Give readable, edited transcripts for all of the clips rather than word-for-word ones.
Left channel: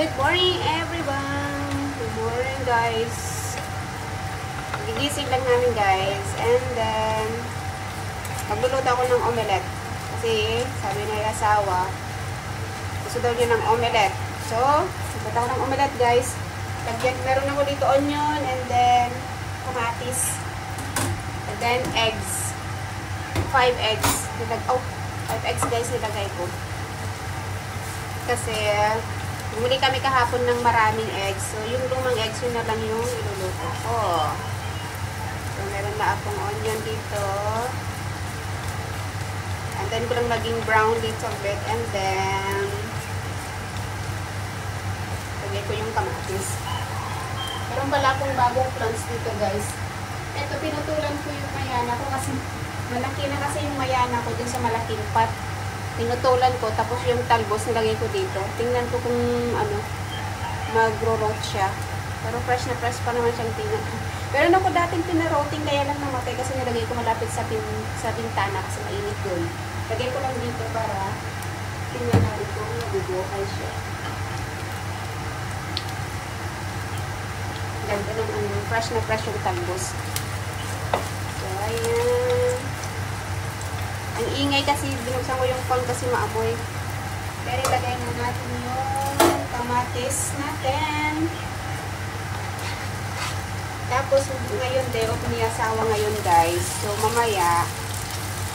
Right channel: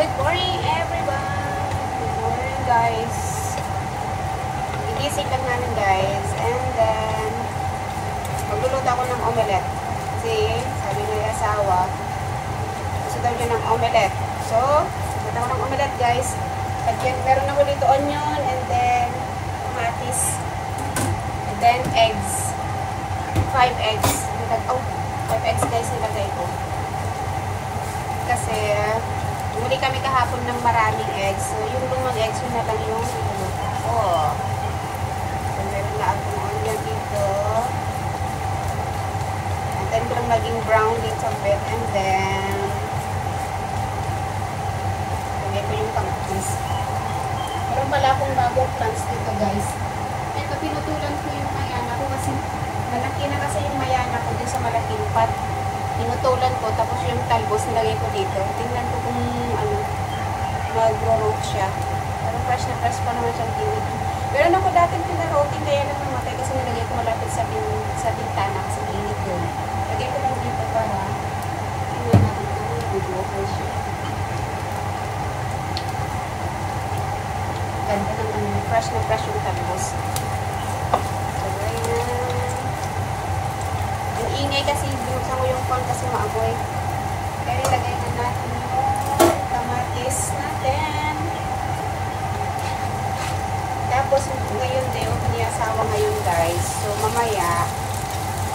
Good morning everyone! Good morning guys! Gigising lang namin guys. And then, magluluto ako ng omelette. Kasi, sabi ng asawa, gusto daw niya ng omelette. So, magluluto ako ng omelette guys. At yan, meron ako dito onion and then kamatis. And then eggs. 5 eggs. 5 eggs guys nilagay ko. Kasi, muli kami kahapon ng maraming eggs. So, yung lumang eggs, yun na lang yung iluluto ko. So, meron na akong onion dito. And then, ko lang naging brown din sa bed. And then, lagay ko yung kamatis. Meron pala akong bagong plants dito, guys. Ito, pinutulan ko yung mayana ko kasi malaki na kasi yung mayana ko din sa malaking pot. Pinutulan ko, tapos yung talbos nilagay ko dito. Tingnan ko kung ano, mag-root siya. Pero fresh na fresh pa naman siyang tingnan. Meron ako dating pinaroting, kaya lang namatay kasi nilagay ko malapit sa bintana kasi mainit yun. Lagay ko lang dito para tingnan natin kung mag-buhay siya. Ganda ng ano, fresh na fresh yung talbos. So, ayan. Ang ingay kasi, binuksan mo yung pan kasi maamoy. Kaya ilagay na natin yung kamatis natin. Tapos, ngayon day, o ni asawa ngayon guys. So, mamaya,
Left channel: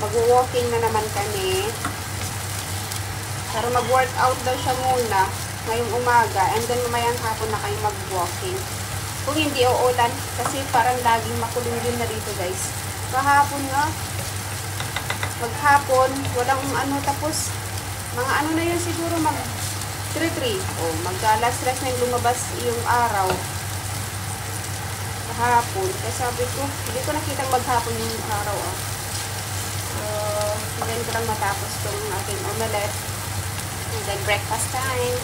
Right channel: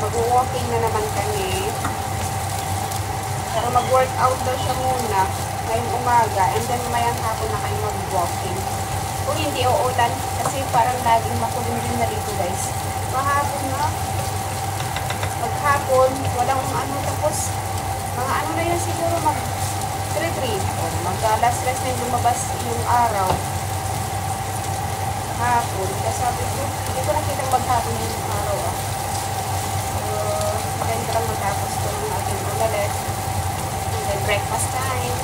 mag-walking na naman kami. Pero mag-workout daw siya muna ngayong umaga. And then, mamayang hapon na kayo mag-walking. Kung hindi uulan, kasi parang laging makulim din na rito guys. Mahapon nga. Maghapon, walang ano, tapos mga ano na yun siguro mag 3-3 o mag-alas 3 na lumabas yung araw hapon. Kasi sabi ko, hindi ko nakitang maghapon yung araw so, then ko lang matapos ko yung aking omelette and then breakfast time.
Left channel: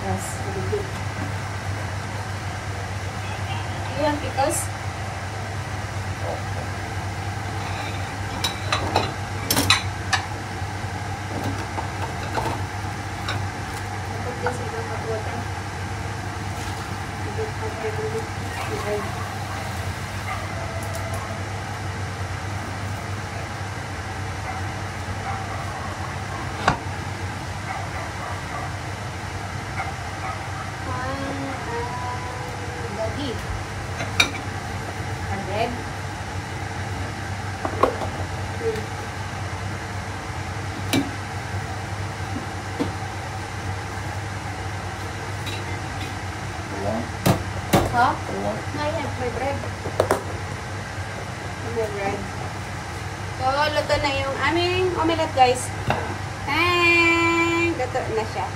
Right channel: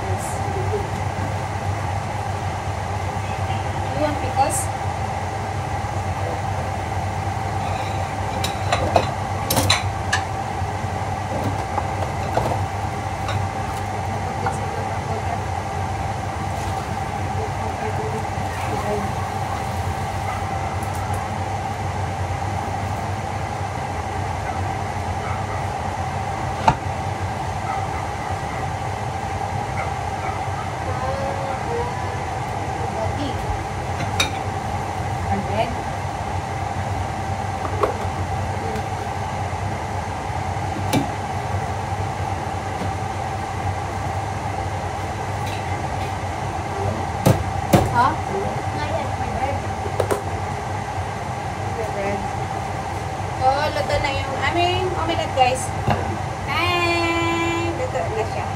Yes, you want pickles? Huh? My bread. My bread. So, luto na yung aming omelette, guys. And, luto na siya.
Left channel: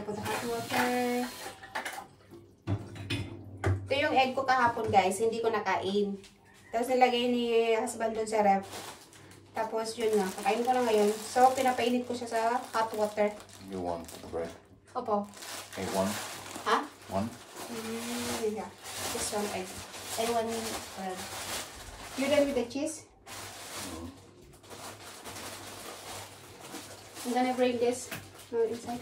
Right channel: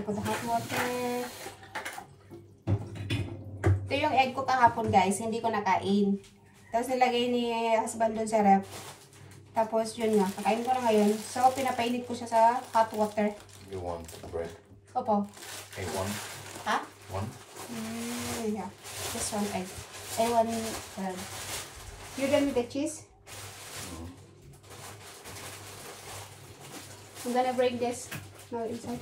Put the hot water. Ito yung egg ko kahapon guys, hindi ko nakain. Tapos nilagay ni husband dun sa ref. Tapos yun nga, kakain ko na ngayon. So pinapainit ko siya sa hot water. You want bread? Opo. Okay, one? Ha? One? Yeah, just one egg. I want bread. You done with the cheese? I'm gonna bring this now inside.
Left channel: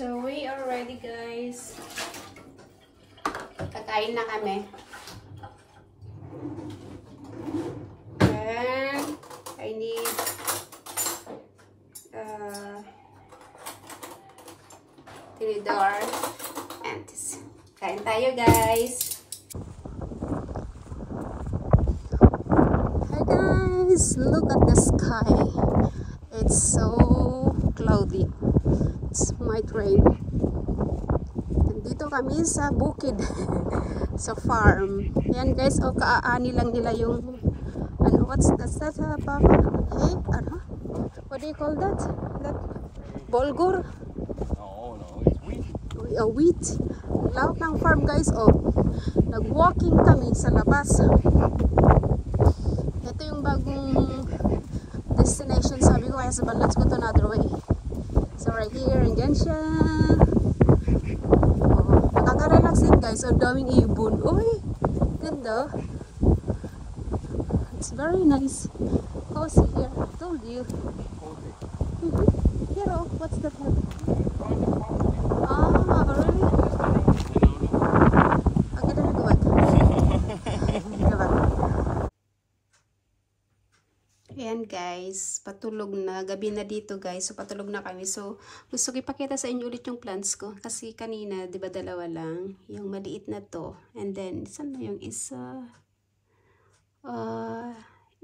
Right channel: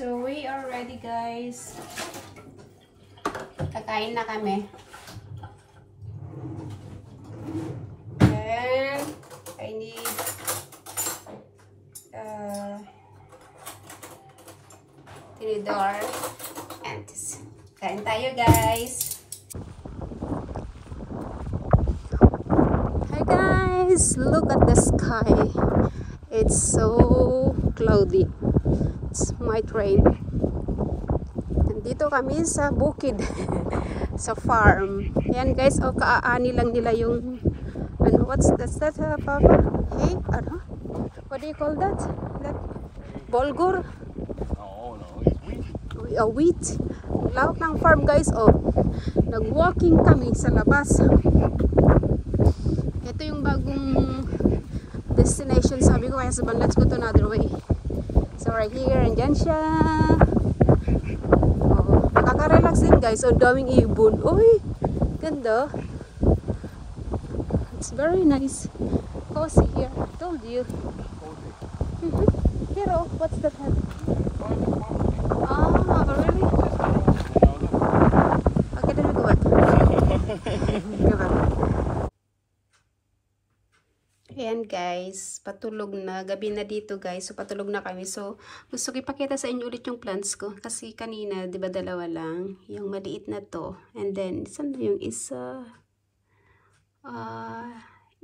So, we are ready, guys. Kakain na kami. Then, I need tinidor and this. Kain tayo, guys. Hi, guys. Look at the sky. It's so cloudy. It might rain. Nandito kami sa bukid. Sa farm. Ayan, guys. O, kaaani lang nila yung ano, what's that, Papa? Hey, ano? What do you call that? That bulgur? Oh, no, it's wheat. Wheat. Lahat ng farm, guys. Oh, nag-walking kami sa labas. Ito yung bagong destination. Sabi ko kaya sabi, let's go to another way. So right here, andyan siya. Oh, nakaka-relax din, guys. Ang daming ibon. Uy, ganda. It's very nice. Cozy here. I told you. Here, oh, what's that? Ah, really? Okay, then we go back. Go back. Ayan, guys, patulog na. Gabi na dito, guys. So, patulog na kami. So, gusto ko ipakita sa inyo ulit yung plants ko. Kasi kanina, di ba, dalawa lang. Yung maliit na to. And then, saan na yung isa?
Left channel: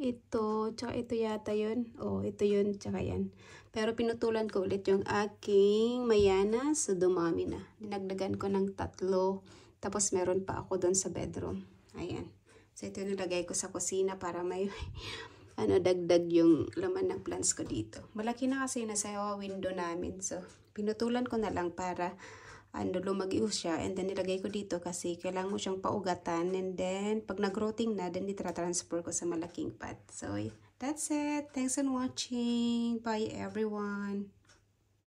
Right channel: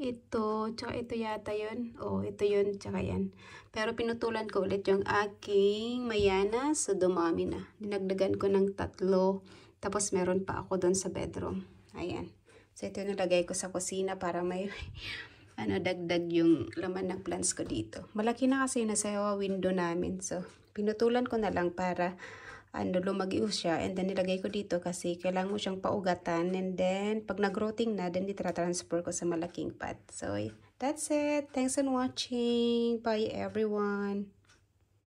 Ito, tsaka ito yata yun. Oh, ito yun, tsaka yan. Pero pinutulan ko ulit yung aking mayana. So, dumami na. Dinagdagan ko ng 3. Tapos, meron pa ako doon sa bedroom. Ayan. So, ito yung nilagay ko sa kusina para may ano, dagdag yung laman ng plants ko dito. Malaki na kasi nasa window namin. So, pinutulan ko na lang para ano, lumagiw siya. And then, nilagay ko dito kasi kailangan mo siyang paugatan. And then, pag nag-rotting na, then itra-transfer ko sa malaking pot. So, that's it. Thanks for watching. Bye, everyone.